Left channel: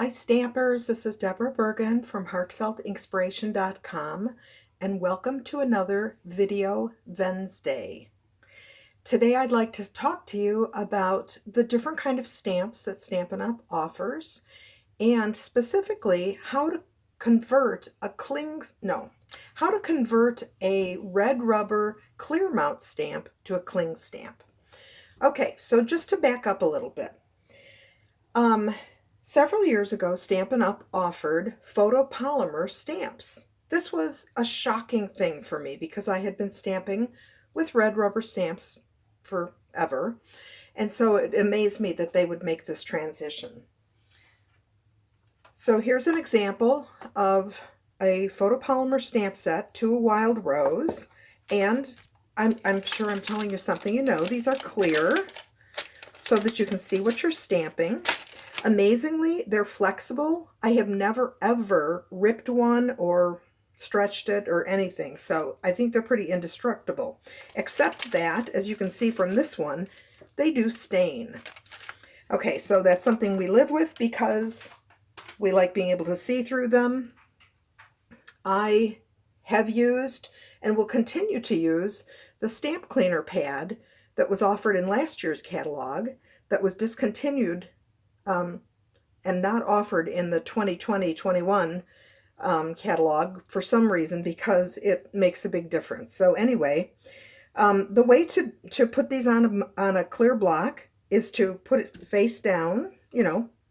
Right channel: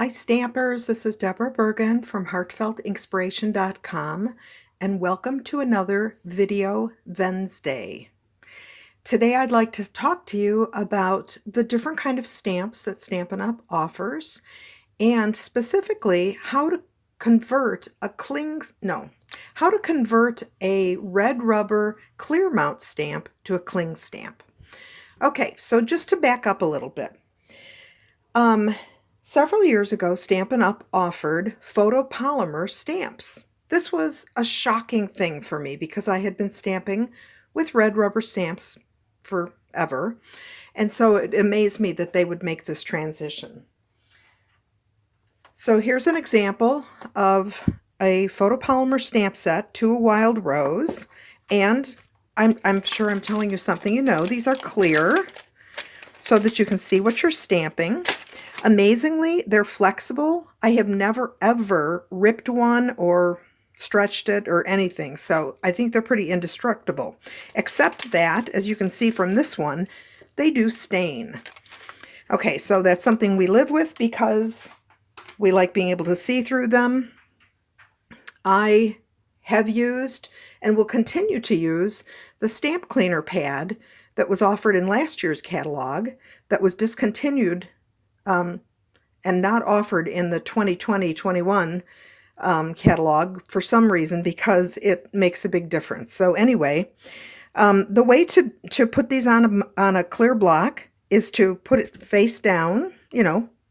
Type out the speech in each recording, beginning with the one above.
Hi Stampers, this is Deborah Bergen from heartfeltinspiration.com and welcome to another Video Wednesday. Today I'd like to talk to you about the different kind of stamps that Stampin' Up! Offers and specifically how to convert a red rubber clear mount stamp to a cling stamp. Okay, so just to back up a little bit. Several years ago, Stampin' Up! Offered photopolymer stamps. This was a shocking thing for me because I had been stamping with red rubber stamps forever, and so it amazed me that they would make this transition. So here's an example of a photopolymer stamp set to a wild rose, and I'm sure I'm telling you something you know. These are clear so that you can see what you're stamping. Amazingly, they're flexible. I have never ever ripped one or stretched it or anything, so I think they're pretty indestructible. Except that, as you can see from this one, they do stain. Okay, so that's something we live with because we like being able to see through them. I have used and will continue to use the stamp cleaner pad that was offered in last year's catalog that was discontinued and not offered in the 2020-21 catalog for some reason because it makes a big difference. So anyway, the way to put these on a clear block is to put it face down,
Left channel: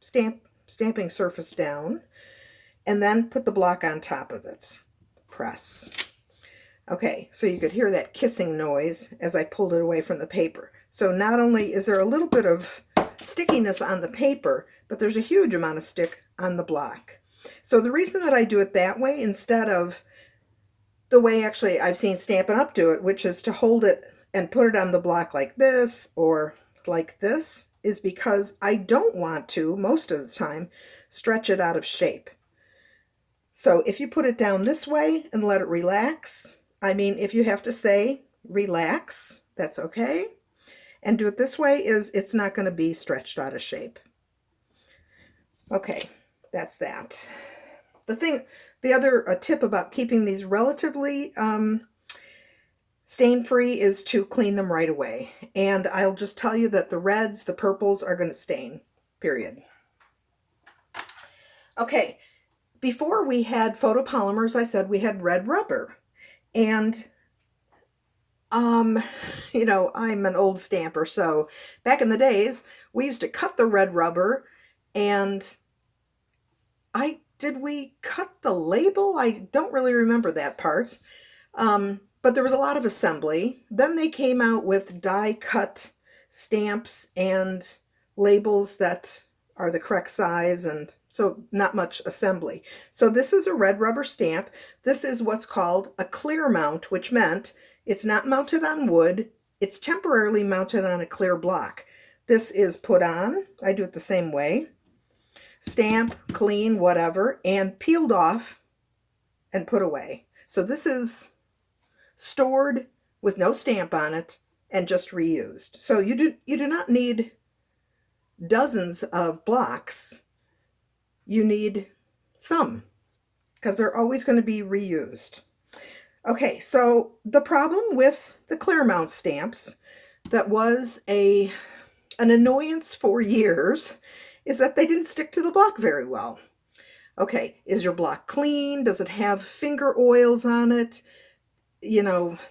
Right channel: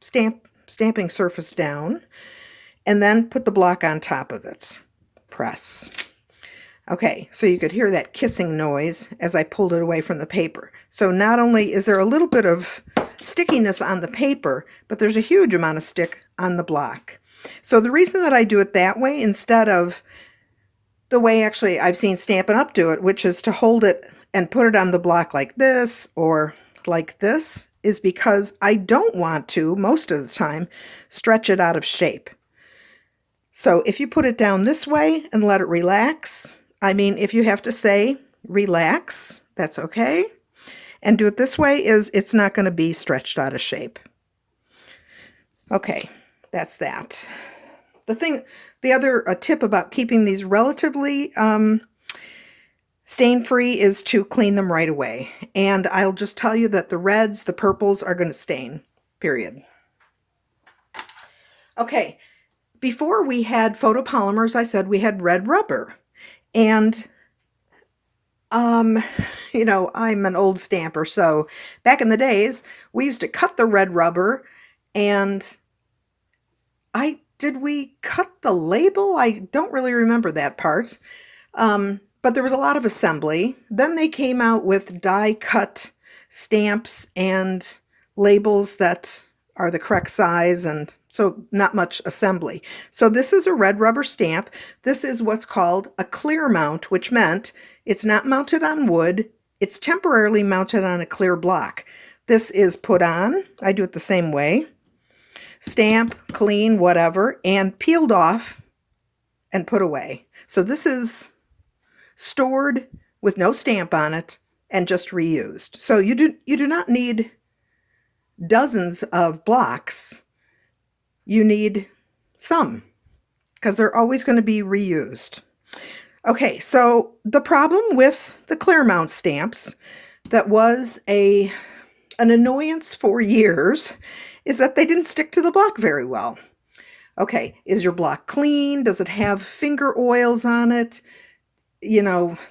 stamping surface down, and then put the block on top of it. Press. Okay, so you could hear that kissing noise as I pulled it away from the paper. So not only is there a little bit of stickiness on the paper, but there's a huge amount of stick on the block. So the reason that I do it that way instead of the way actually I've seen Stampin' Up! Do it, which is to hold it and put it on the block like this or like this, is because I don't want to, most of the time, stretch it out of shape. So if you put it down this way and let it relax, I mean, if you have to say relax, that's okay. And do it this way it's not going to be stretched out of shape. Okay, that's that. The other tip about keeping these relatively stain-free is to clean them right away. And I'll just tell you that the reds, the purples are going to stain, period. Okay, before we had photopolymers, I said we had red rubber. And I'm an old stamper, so back in the days, we used to cut the red rubber, and did we cut the label? I don't really remember that part, but there was a lot of assembly. Then they came out with die-cut stamps and labels that are the correct size, and so not much assembly. So this is a red rubber stamp. This is what's called a clear mount, which meant it's not mounted on wood. It's temporarily mounted on a clear block. This is put on. I do it the same way. Stamp, clean, whatever, and peeled off and put away. So this is stored with no stamp on it and just reused. So you do not need dozens of blocks. You need some because they're always going to be reused. Okay, so the problem with the clear mount stamps that was an annoyance for years is that they didn't stick to the block very well. Okay, is your block clean? Does it have finger oils on it?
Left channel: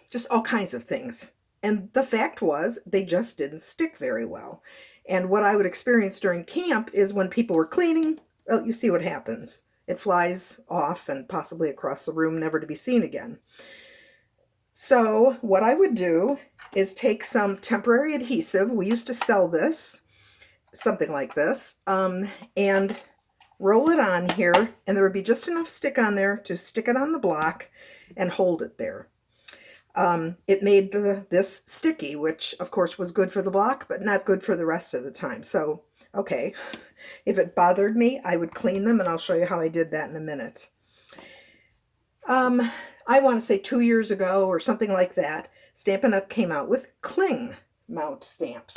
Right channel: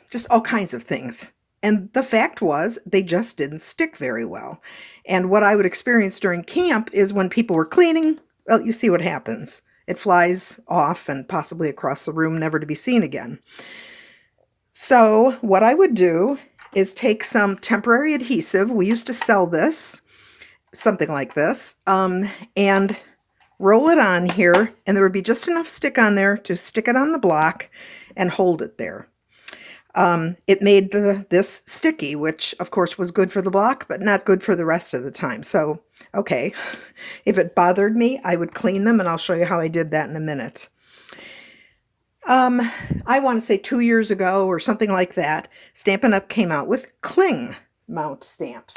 Just all kinds of things. And the fact was, they just didn't stick very well. And what I would experience during camp is when people were cleaning, well, you see what happens. It flies off and possibly across the room, never to be seen again. So what I would do is take some temporary adhesive. We used to sell this, something like this, and roll it on here, and there would be just enough stick on there to stick it on the block and hold it there. It made this sticky, which of course was good for the block, but not good for the rest of the time. So, okay, if it bothered me, I would clean them, and I'll show you how I did that in a minute. I want to say 2 years ago or something like that, Stampin' Up! Came out with cling mount stamps.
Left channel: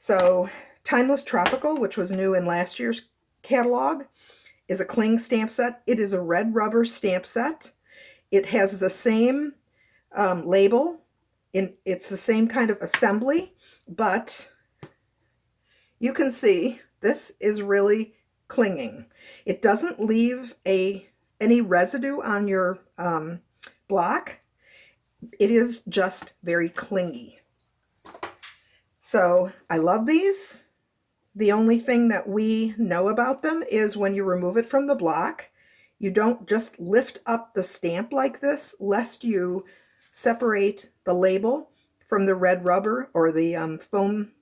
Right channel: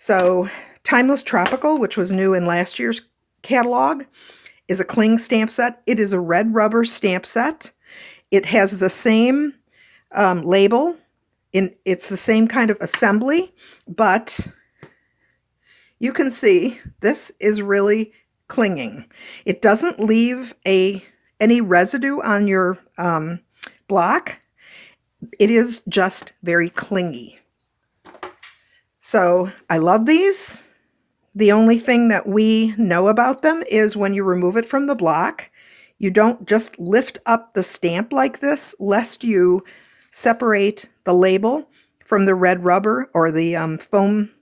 So Timeless Tropical, which was new in last year's catalog, is a cling stamp set. It is a red rubber stamp set. It has the same label. It's the same kind of assembly, but you can see this is really clinging. It doesn't leave any residue on your block. It is just very clingy. So I love these. The only thing that we know about them is when you remove it from the block, you don't just lift up the stamp like this, lest you separate the label from the red rubber or the foam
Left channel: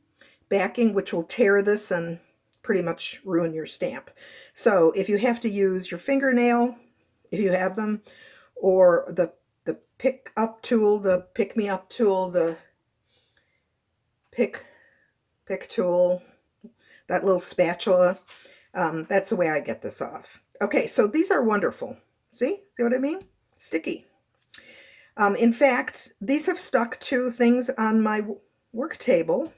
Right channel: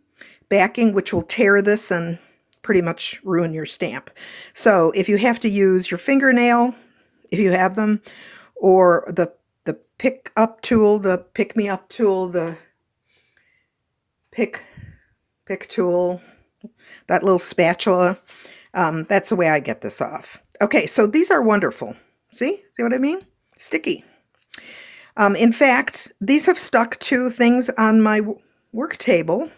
backing, which will tear this and pretty much ruin your stamp. So if you have to use your fingernail, if you have them, or the pick up tool, the pick me up tool, the pick tool, that little spatula, that's the way I get this off. Okay, so these are wonderful. See what I mean? Sticky. In fact, these have stuck to things on my work table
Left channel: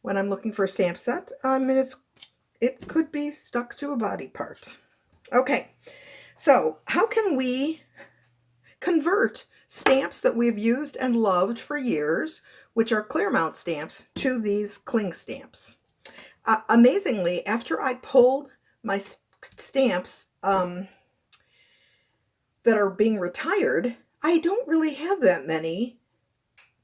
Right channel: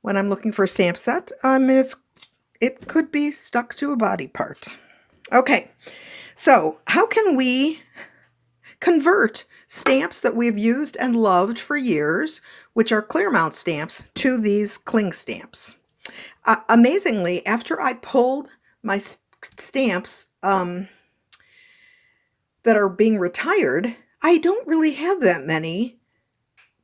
when I'm looking for a stamp set. It could be stuck to a body part. Okay, so how can we convert stamps that we've used and loved for years, which are clear mount stamps, to these cling stamps? Amazingly, after I pulled my stamps that are being retired, I don't really have that many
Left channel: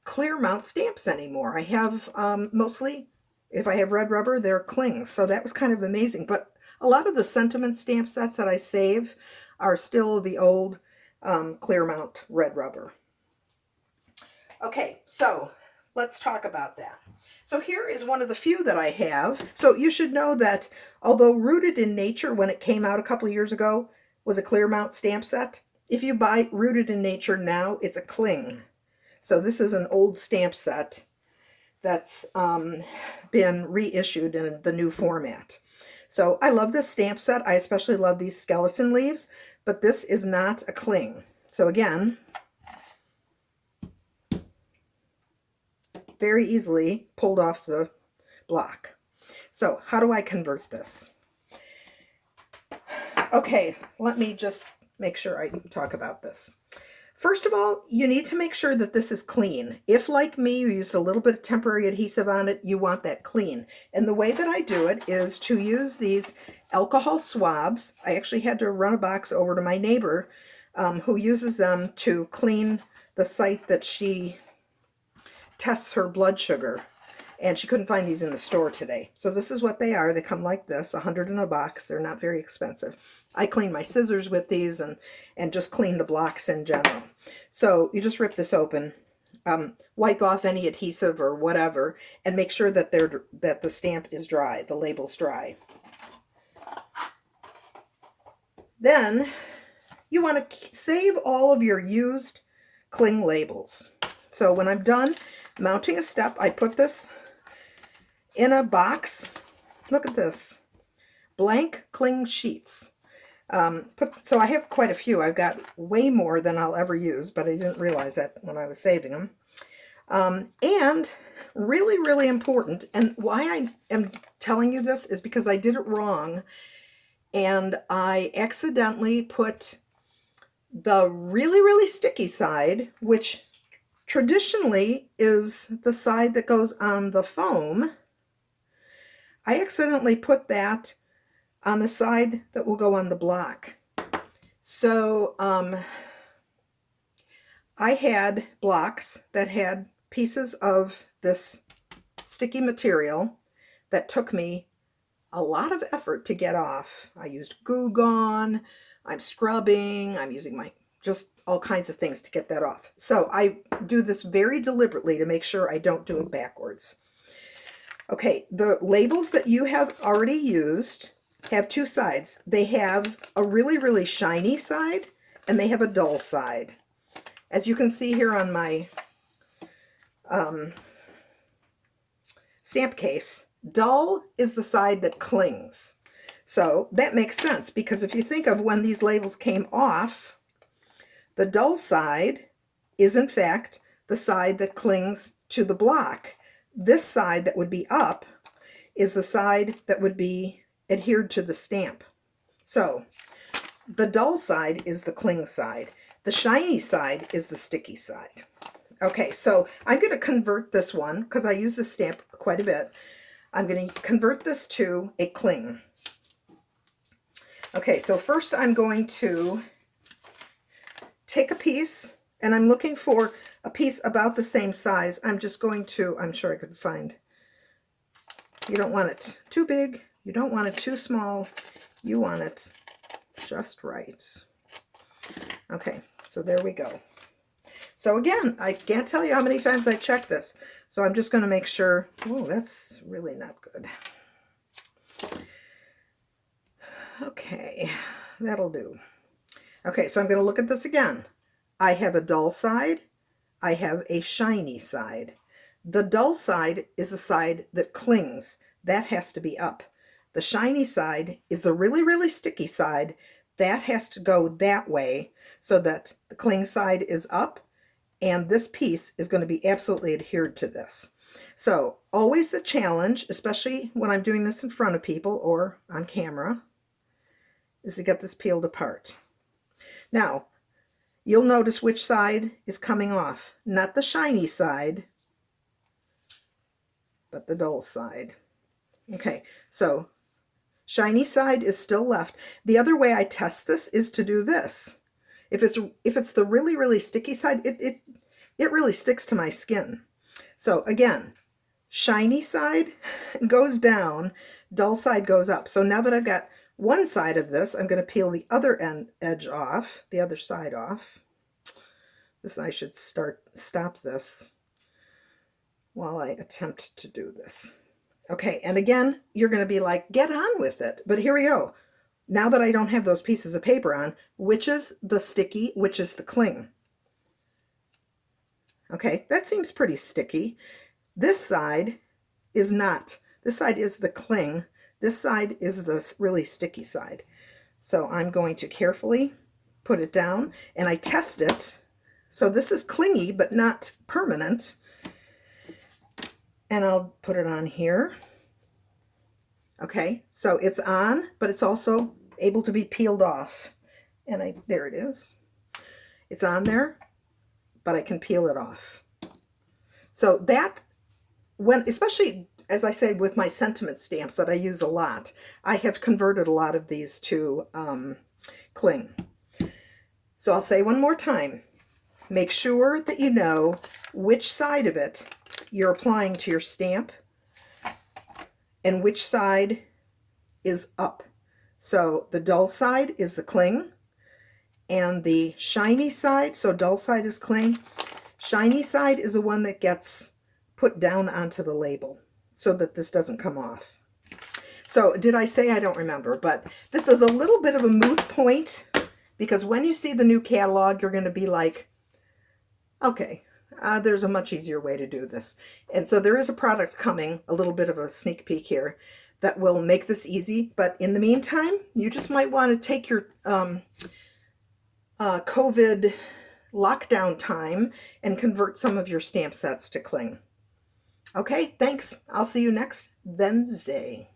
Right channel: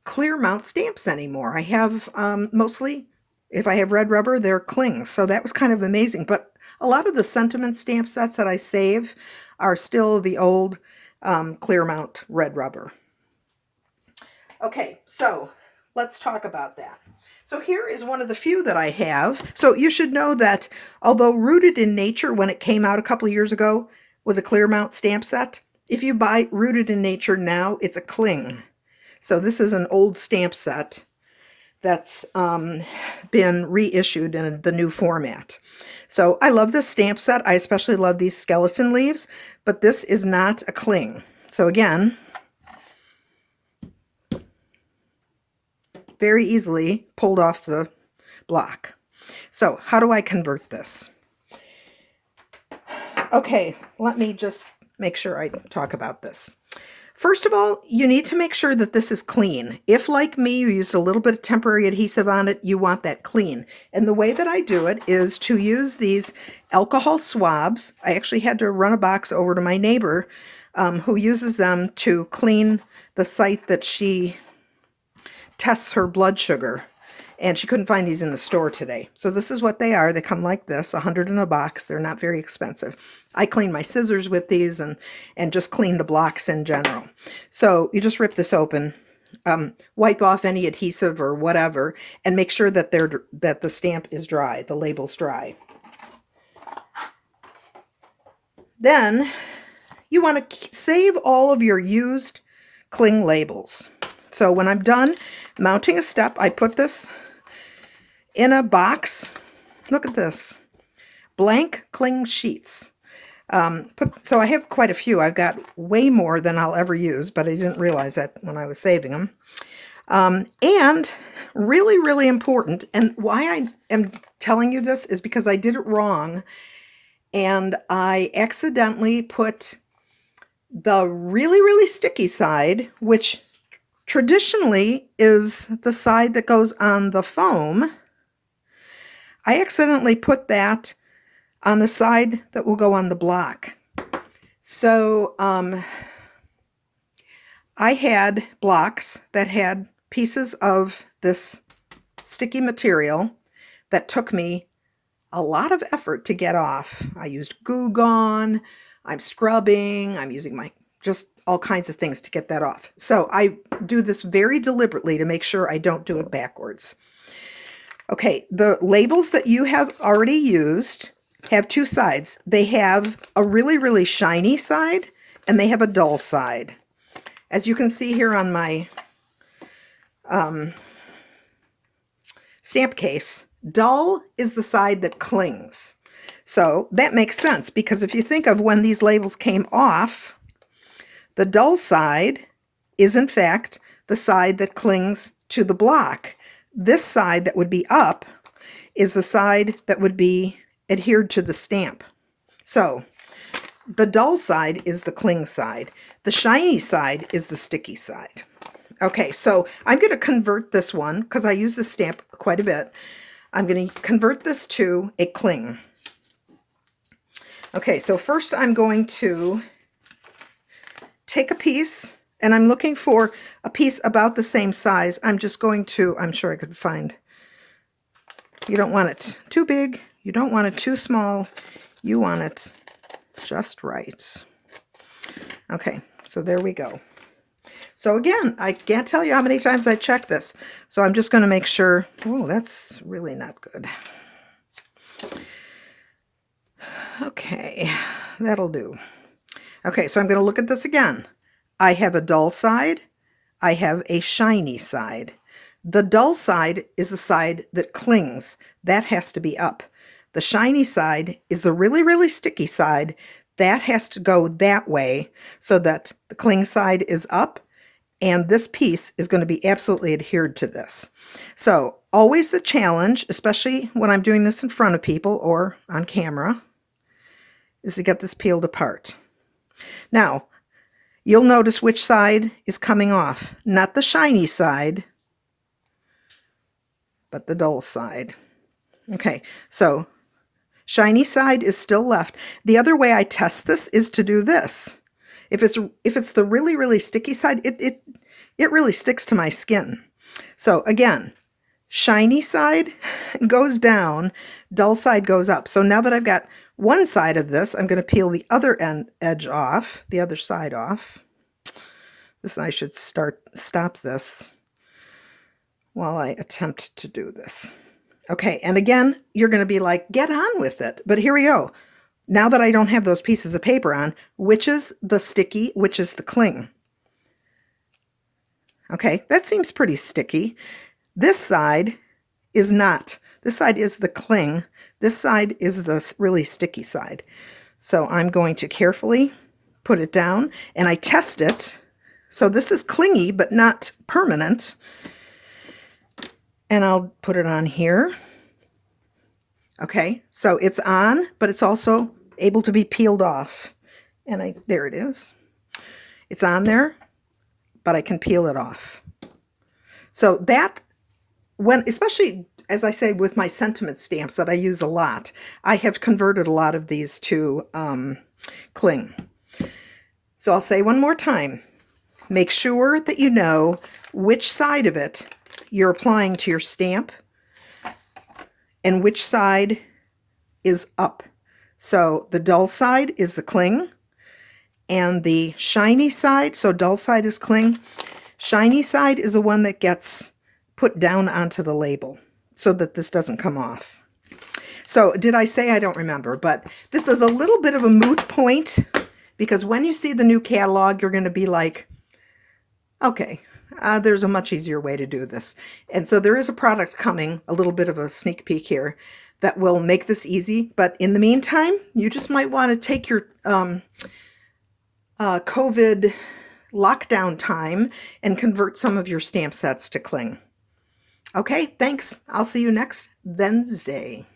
clear mount stamps anymore. I have mostly, if I have red rubber, they're clings. So that was kind of amazing. But a lot of the sentiment stamp sets that I save are still the old clear mount red rubber. Okay, so let's talk about that. So here is one of the few that I have. So you should know that although Rooted in Nature, when it came out a couple of years ago, was a clear mount stamp set, if you buy Rooted in Nature now, it's a cling. So this is an old stamp set that's been reissued in the new format. So I love this stamp set. I especially love these skeleton leaves, but this is not a cling. So again, very easily pulled off the block. So how do I convert this? Okay, let me just make sure I talk about this. First of all, you need to make sure that this is clean. If, like me, you used a little bit of temporary adhesive on it, you want that clean. And the way that I do it is to use these alcohol swabs. I actually had to run a box over to my neighbor who uses them to clean the site that she tests her blood sugar. And she couldn't find these in the store today. So this is what they are. They come like this, 100 in a box. They're not very expensive. I clean my scissors with these and just clean the blocks in general. So you just rip this open, wipe off any adhesive or whatever, and make sure that the stamp is dry, the label's dry. Then you want to save all of your used cling labels. So when I'm done mounting a step, I put this in a box. Look at this. Blank cling sheets. So I have quite a few. I've got way more than I'll ever use, but I didn't realize that when I was saving them. And really, really important, and why I am telling you this is because I did it wrong, and I accidentally put the really, really sticky side, which traditionally is the side that goes on the foam. I accidentally put that on the side that will go on the block. So I had blocks that had pieces of this sticky material that took me a lot of effort to get off. I used Goo Gone, I'm scrubbing, I'm using just all kinds of things to get that off. So I do this very deliberately to make sure I don't do it backwards. Okay, the labels that you have already used have two sides. They have a really, really shiny side, and they have a dull side. As you can see here on my stamp case, dull is the side that clings. So that makes sense, because if you think of when these labels came off, the dull side is, in fact, the side that clings to the block. This side that would be up is the side that would be adhered to the stamp. So the dull side is the cling side. The shiny side is the sticky side. Okay, so I'm going to convert this one, because I use this stamp quite a bit. I'm going to convert this to a cling. Okay, so first I'm going to take a piece, and I'm looking for a piece about the same size. I'm just going to, I'm sure I could find, you don't want it too big, you don't want it too small, you want it just right. Okay, so there we go. So again, I can't tell you how many times I check this. So I'm just going to make sure, oh, that's really not good. Okay, that'll do. Okay, so I'm going to look at this again. I have a dull side. I have a shiny side. The dull side is the side that clings. That has to be up. The shiny side is the really, really sticky side. That has to go that way so that the cling side is up, and this piece is going to be absolutely adhered to this. So always the challenge, especially when I'm doing this in front of people or on camera, is to get this peeled apart. Now, you'll notice which side is coming off. Not the shiny side, but the dull side. Okay, so shiny side is still left. The other way I test this is to do this. If it's the really, really sticky side, it really sticks to my skin. So again, shiny side goes down, dull side goes up. So now that I've got one side of this, I'm going to peel the other edge off, the other side off. This, I should stop this while I attempt to do this. Okay, and again, you're going to be like, get on with it. But here we go. Now that I don't have those pieces of paper on, which is the sticky, which is the cling? Okay, that seems pretty sticky. This side is not. This side is the cling. This side is the really sticky side. So I'm going to carefully put it down, and I test it. So this is clingy, but not permanent. And I'll put it on here. Okay, so it's on, but it's also able to be peeled off. And there it is. It's on there, but I can peel it off. So that, especially as I say with my sentiment stamps that I use a lot, I have converted a lot of these to cling. So I'll say one more time, make sure that you know which side of it you're applying to your stamp and which side is up. So the dull side is the cling, and the shiny side, so dull side is cling, shiny side is the one that gets put down onto the label so that this doesn't come off. So did I say? I don't remember, but this is a little bit of a moot point, because when you see the new catalog, you're going to be like, okay, there's a much easier way to do this. And so there is a product coming, a little bit of a sneak peek here, that will make this easy. But in the meantime, you just might want to take your COVID lockdown time and convert some of your stamp sets to cling. Okay, thanks. I'll see you next Wednesday.